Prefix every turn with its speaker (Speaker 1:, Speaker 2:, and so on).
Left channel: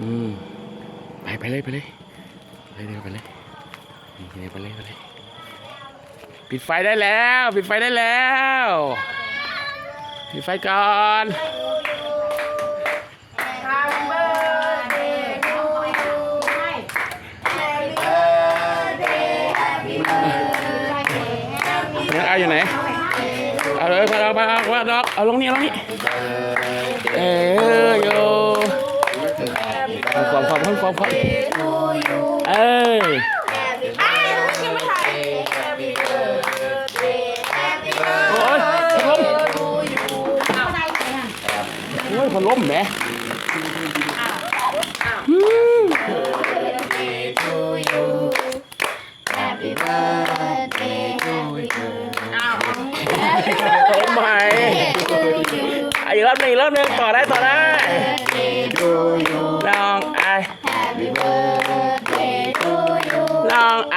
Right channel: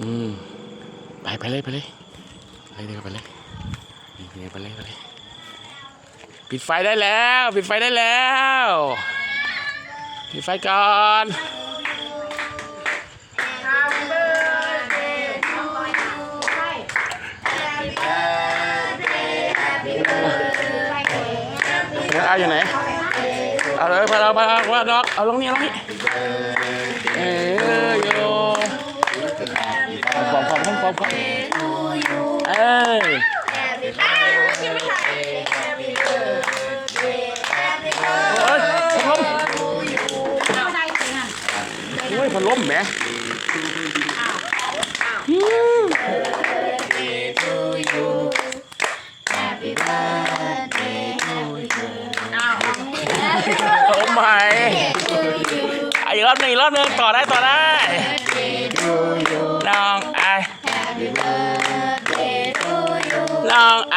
Speaker 1: อืมไปไปเลยไปเลยไปเลยไปเลยนี่ไปเลยไปเลย ปิดไฟได้แล้ว ปิดไฟได้แล้ว ปิดไฟก่อน
Speaker 2: Happy birthday to you Happy birthday Happy birthday Happy
Speaker 1: แล้วเอาอยู่ไหน เอาเลยพาเราพาเราพาเราเอาลงนี่ลงนี่เออโยฟ อนฟอนฟอนฟอนฟอนเอ้ยโอ้ยพัดลมโอ้ยพัดลมแหมอืมโอ้ไม่อะอีกรอบหนึ่งอีกรอบหนึ่งต่อได้ต่อได้ลองไอ ลองไอ